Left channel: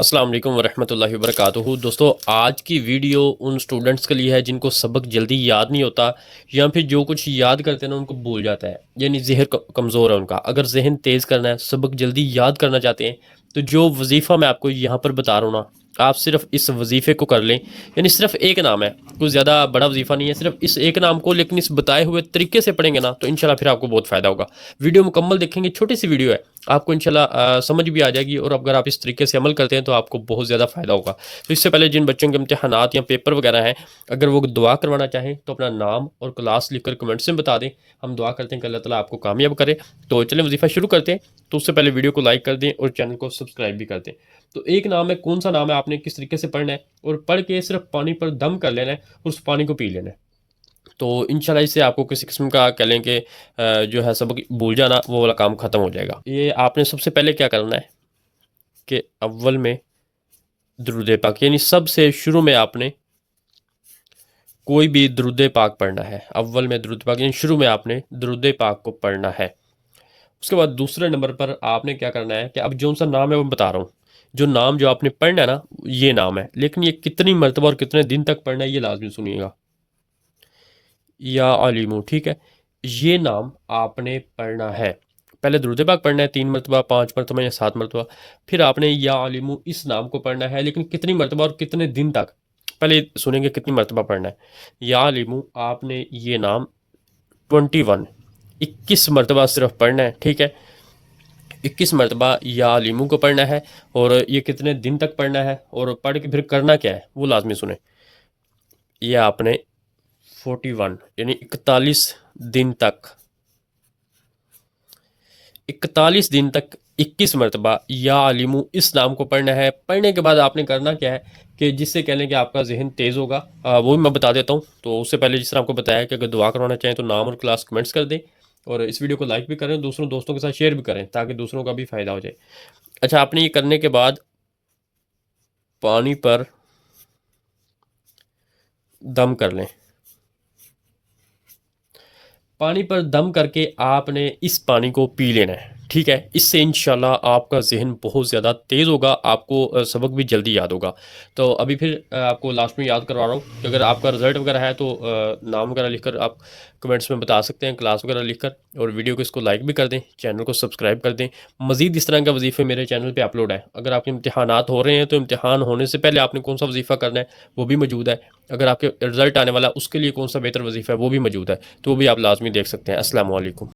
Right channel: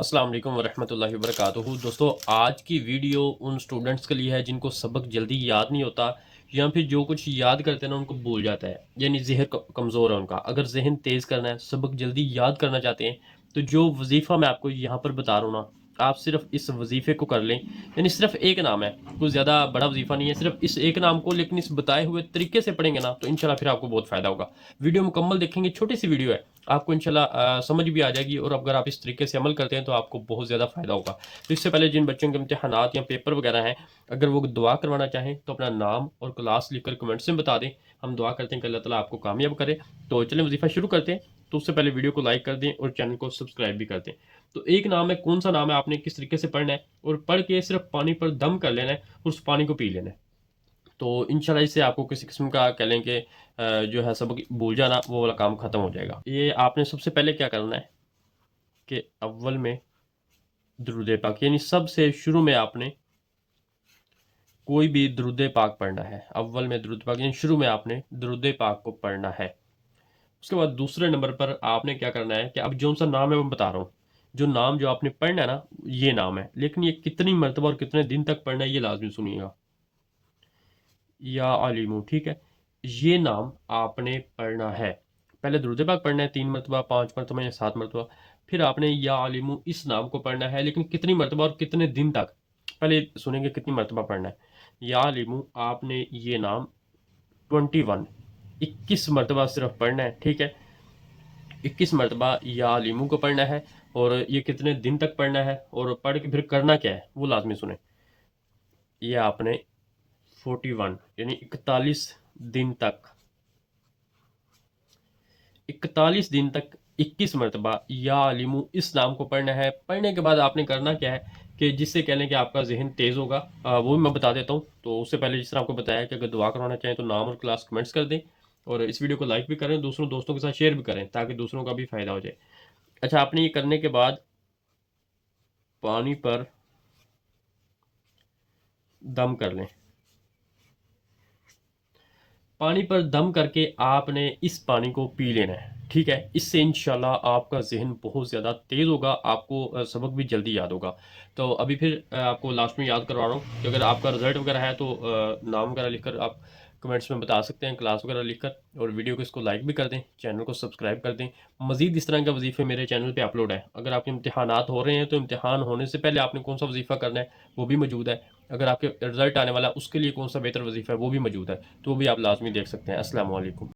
अस्सलाम वालेकुम वरहमतुल्लाहि वबरकातुहू। दोस्तों, आज की वीडियो उन स्टूडेंट्स के लिए है जिनको सबक जल्दी याद नहीं होता या फिर जो कुछ याद करते हैं ना उनको भूल जाता है, यानी जहन कमज़ोर है उनका। अगर जहन तेज़ करना है, सबक जल्दी याद करना चाहते हैं, तो जो वजीफ़ा मैं आपको यहाँ पर बता रहा हूँ ना, आप सिर्फ इस वजीफ़े को कर लें। यानी सिर्फ एक नाम है, कोई ज़्यादा बड़ा वजीफ़ा नहीं है, सिर्फ इस एक नाम को लेकिन इस बताए हुए तरीके से पढ़ेंगे ना तो इंशाल्लाह फिर आपको बहुत फ़ायदा होगा। वीडियो मुकम्मल देखेंगे, छोटी सी वीडियो है, आपको इंशाल्लाह समझ भी आ जाएगी और अगर आप इस तरीके से अमल करते हैं तो आपको बहुत ज़्यादा फ़ायदा होगा। तो इससे पहले जिन बच्चों के इम्तिहानात या पेपर वगैरह हैं, अगर वो दुआ करवाना चाहें तो अपना नाम और क्लास लिखकर कमेंट्स में बता दें। हम दुआ करते हैं कि अल्लाह ताला आपको कामयाब करे। तो चलें वजीफ़ा शुरू करते हैं। तो उससे पहले वीडियो को लाइक कर दें और चैनल को सब्सक्राइब भी कर दें। तो एक नाम है, कौन सा नाम है, आपने किस तरीके से पढ़ना है और पढ़ के सिर्फ पानी पर दम कर लेना है और उस पानी को पी लेना है। तो इंशाल्लाह इससे आपको किसी किस्म का कह लें कि जो है सबक भूल जाना वो वाला काम ख़त्म हो जाएगा। ये आपने सबसे पहले क्या करना है कि अव्वल में दुरूद पाक, यानी सबसे शुरू में आपने कोई भी दुरूद पाक पढ़ना है। अव्वल में दुरूद पाक यानी शुरू में आपने दुरूद पाक को पढ़ना है। उसके बाद दूसरे नंबर पर आपने क्या करना है कि अब जो सा नाम है वो मैं बता रहा हूँ। जो नाम जो आपने पढ़ना है ना, ये नाम है, लेकिन ये कितनी मरतबा और कितने दिन तक पढ़ना है ये लाजमी सुनिएगा। या आलिमू, ठीक है, ये नाम आपने पढ़ना है। पहले दुरूद पाक पढ़ना है 3 मरतबा, 5 मरतबा या 7 मरतबा। फिर आपने या आलिमू इस नाम को पढ़ना है, लेकिन कितनी मरतबा और कितने दिन तक, पहले सुनेंगे कितनी मरतबा पढ़ना है। या आलिमू आपने ये नाम 21 21 मरतबा सिर्फ पढ़ना है, ठीक है। 21 मरतबा या आलिमू को पढ़ना है। और ये कितने दिन तक पढ़ना है और पढ़ के फिर करना क्या है वो लाजमी सुने। ये आपने 41 यानी 41 दिन तक, 41 दिन तक 21 मरतबा या अलीमू इस नाम को पढ़ना है। पढ़ने के बाद आपने करना क्या है कि जिससे कह लें कि आपका जहन तेज़ होगा, वो भी मैं बता देता हूँ। तो उससे पहले जिस तरह आपको बताया कि अगर दुआ करवाना चाहें तो नाम और क्लास कमेंट्स कर दें और इस वीडियो को लाइक भी करें, दूसरों दोस्तों के साथ शेयर भी करें ताकि दूसरों का भी फ़ायदा हो जाए। अच्छा, आपने ये करने के बाद पानी पर दम कर लें। पानी पर दम करके आपने इस पानी को पी लेना है, ठीक है। इससे इंशाल्लाह आपका जहन बहुत ज़्यादा तेज़ होगा, आपको सबक भी जल्दी याद होगा। तो अभी फिर आपको लास्ट में याद करवा रहा हूँ कि अगर आपका रिज़ल्ट वगैरह है तो नाम वगैरह लिखकर आप कमेंट्स में बता सकते हैं, क्लास वगैरह लिखकर। और वीडियो को इसको लाइक भी कर दें, चैनल को सब्सक्राइब कर दें। मज़ीद इस तरह का वजीफ़े मेरे चैनल पर अपलोड है। अगर आपके इम्तहानात हो रहे हैं तो इम्तहान होने से पहले आपने कौन सा वजीफ़ा करना है वो भी मौजूद है। अगर आपके रिज़ल्ट आने वाला उसके लिए कौन सा बेहतर वजीफ़ा है वो भी मौजूद है, तो वो भी आप लाजमी देख सकते हैं। अस्सलाम वालेकुम।